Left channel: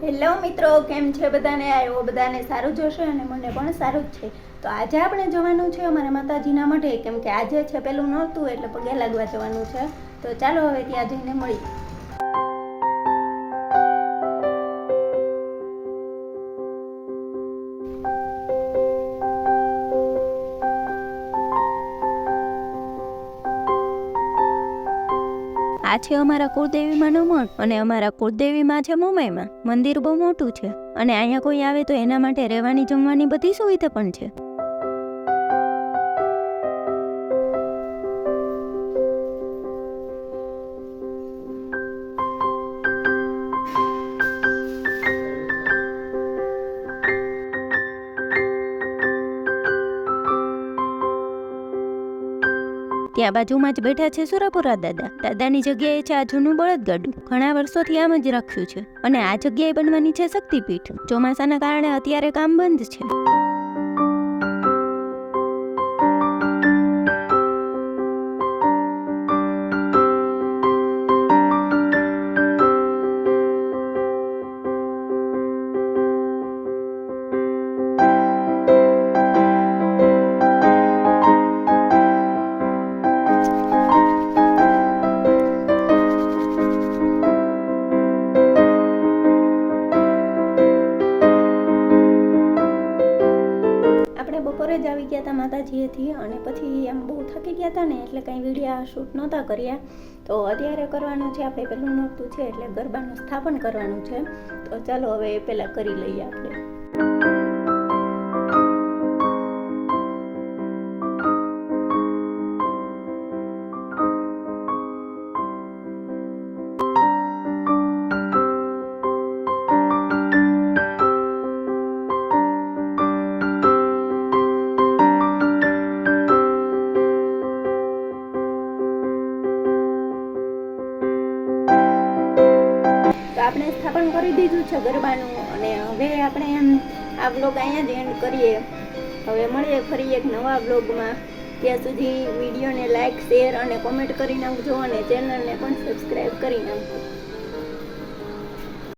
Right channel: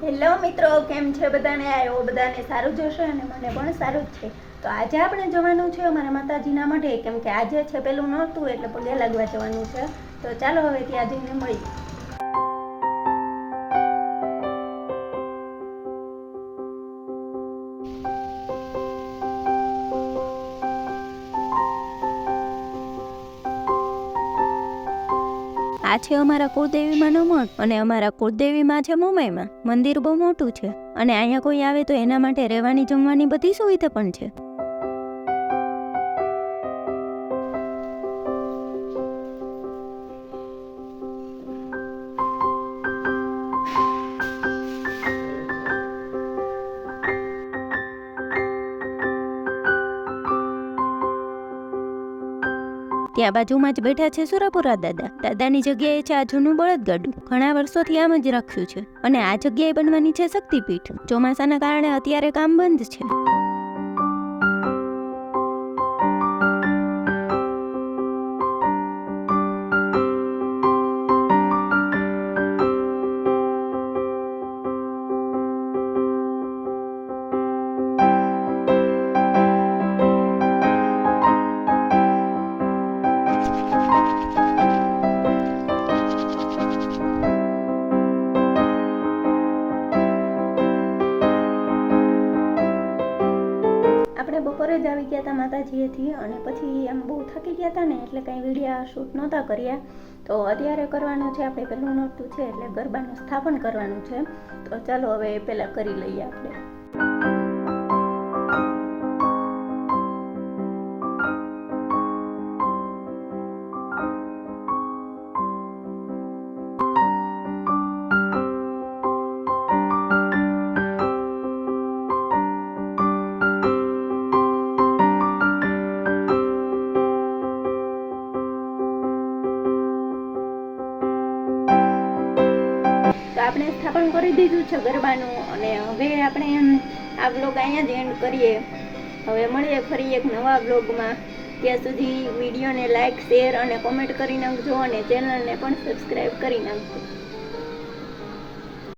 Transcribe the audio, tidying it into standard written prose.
Hello મિત્રો, કેમ છે બધાને? આવ્યો બધાને સારું જ હશે અને મને પણ સારું જ છે. તો આજે આપણે જવાનું છે અમારા માતાજીના મઢે, કેમ કે આજે છે પેલું નહોતું એટલે પગે લાગવા જવાનું છે. તો ચાલો હવે ત્યાં જઈને મળીએ. આ છે અમારા કુળદેવીમાંનો મઠ અને અમારા કુળદેવીમાં છે મુંબઈમાં. મંદિર બહુ મોટું છે અને અહીંયા કોઈ આવે તો એના માટે રહેવાની જમવાની બધી સુવિધા પણ છે. ત્યાં બાજુમાં જ બેઠા છે સુરાપુરા દાદાની જગ્યાએ છે આ જૂનું બળદગાડું. ઘણા વર્ષોથી આમ જ રાખ્યું છે અને આ જગ્યાએ બનવાની છે શક્તિપીઠ. ચોમાસાના કારણે અત્યારે કામ બંધ છે. આપણે બપોરે જ આવી ગયા હતા માતાજીએથી અને પછી આમ બહુ થાકી ગયા હતા ને એટલે કંઈ વિડીયો શૂટ નહોતા કર્યા. તો અત્યારે કરવાનું છે આપણે પેલું નોરતું છે એટલે ગરબાનું સ્થાપન કરવાનું છે. તો ચાલો હવે પહેલાં કરી લઈએ આપણે. તો આપણે સ્થાપન કરી દીધું છે ગરબાનું અને હવે આપણે આ વ્લોગ અહીંયા જ એન્ડ કરીએ. હવે મળીએ ફરી એક નવા વ્લોગમાં. ત્યાં સુધી વિડીયોને લાઇક, શેર અને કોમેન્ટ કરી નાખજો અને ચેનલને પણ સબસ્ક્રાઈબ કરી નાખજો.